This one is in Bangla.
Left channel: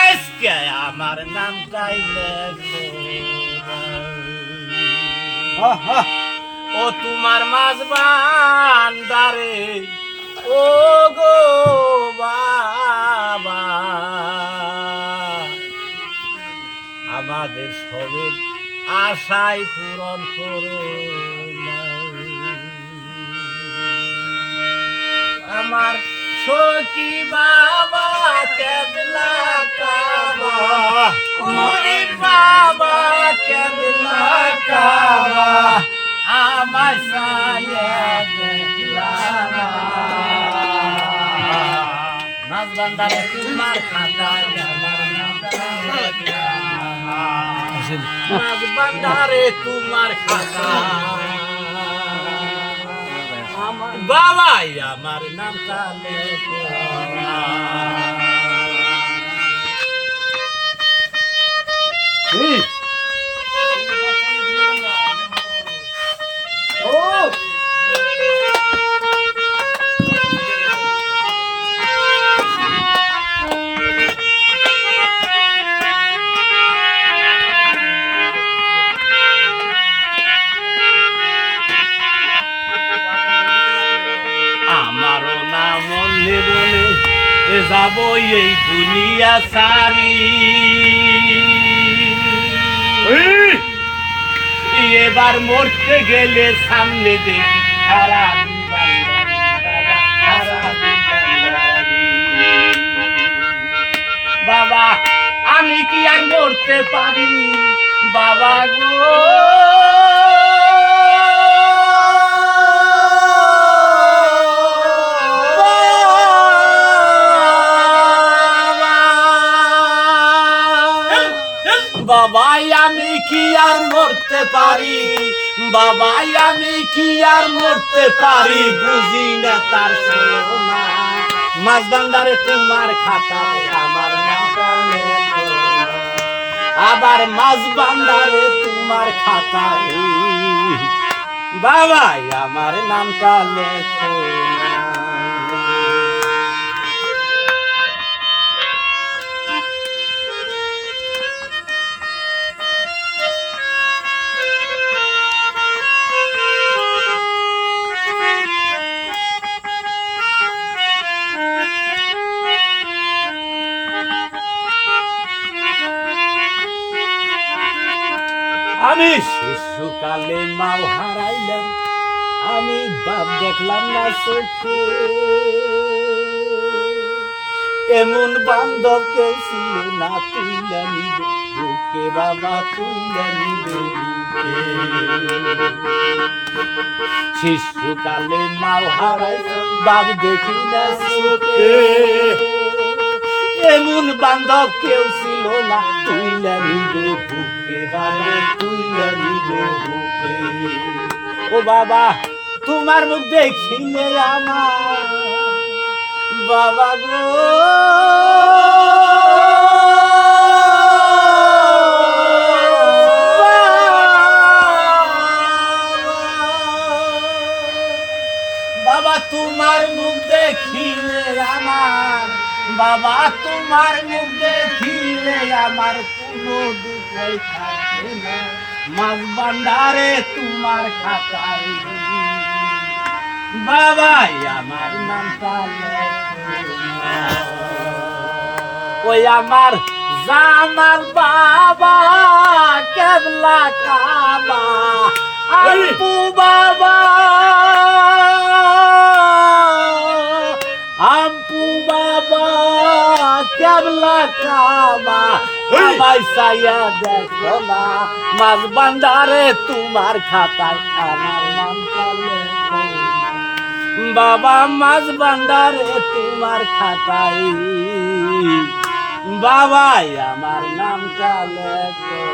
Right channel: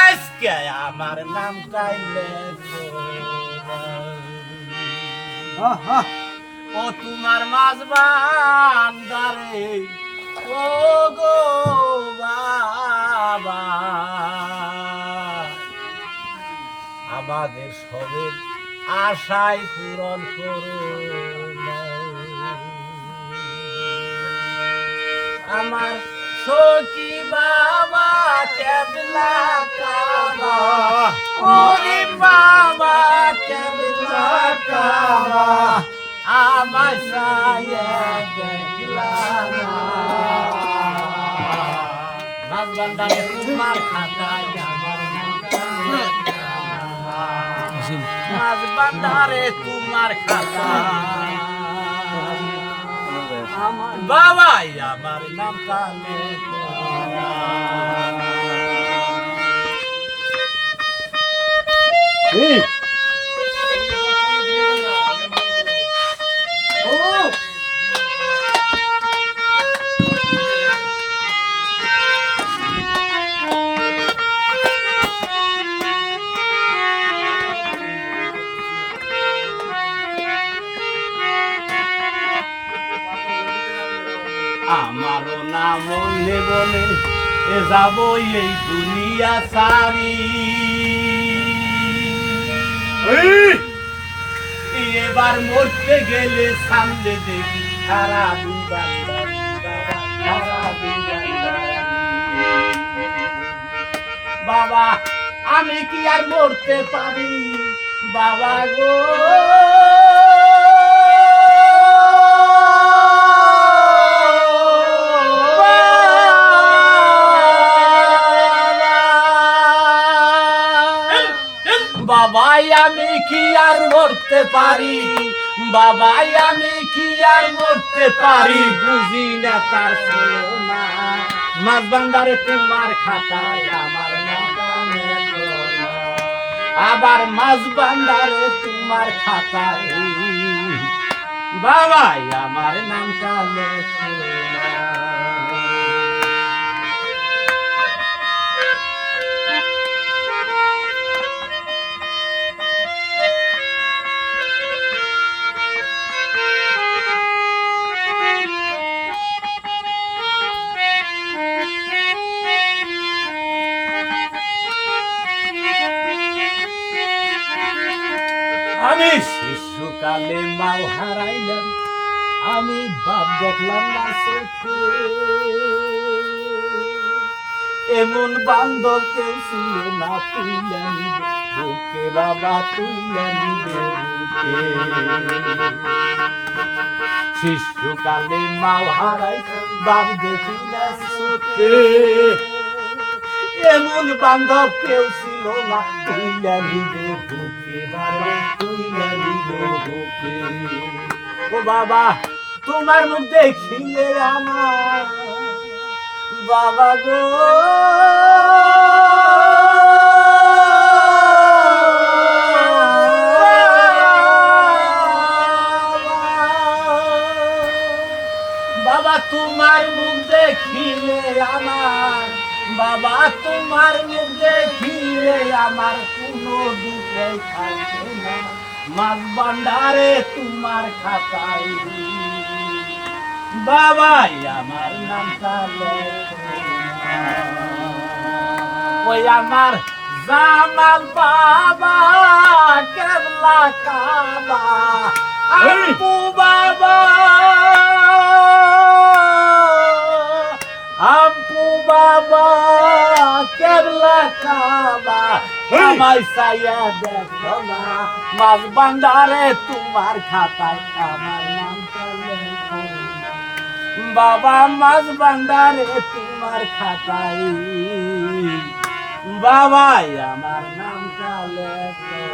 আজকে আমার নাম গাইলে ও তোমার মাঝ বান্দারে ও গো বাবা আমাদের সবের আশায় পূরণ করো আমার সখী বাবা কেবলা কাবা ওরে বাবা কেবলা কাবা আমার সায়া দেখলা নাচ বান্দারে তোমার খাতায় আমার নাচ বান্দারে তোমার খাতায় বাবাই আমার নাম কালে আমারও নাম বলে বলে এ যাব এই দুনিয়া সারি এবার মরতে গেলে সামনে দেখি সারা বাবা আমি কি আর মরতে পারি বাবা গো বাবাই আমি কি আর মরতে পারি বাবাই আমি কি আর মরতে পারি বুঝি না তার ছিল না মাছ বান্দারে তোমার খাতায় আমার নামটা লেখো আবার মাছ বান্দারে তোমার খাতায় বাবাই আমার নামটা লেখো আমি শিশুকালে মাও হারাইলাম আমি বাপ দেখলাম না চোখে এমন বান্ধব কেউ ছিল না তুইলা নিবে বুকে বাবা তুইলা নিবে বুকে শিশুকালে মাও হারাইলাম বাপ দেখি না চোখে এমন বান্ধব কেউ ছিল না তুইলা নিবে বুকে বাবা তুইলা নিবে বুকে ও বাবা তোমার মুখ দেখিলে আমার বাবা গো বাবা তোমার মুখ দেখিলে আমার বাবা তোমার মুখ দেখিলে আমার কোনো দুঃখ থাকে না মাছ বান্দারে তোমার খাতায় বাবাই আমার নামটা ওই আমার জামাল বাবা কেবলা কাবা আপু বাবা আপু বাবা কেবলা কাবা আমায় সাইয়া দেখো না মাছ বান্দারে তোমার খাতায় আমার নামটা লেখো বাবা মাছ বান্দারে তোমার খাতায় বাবাই আমার নামটা লেখো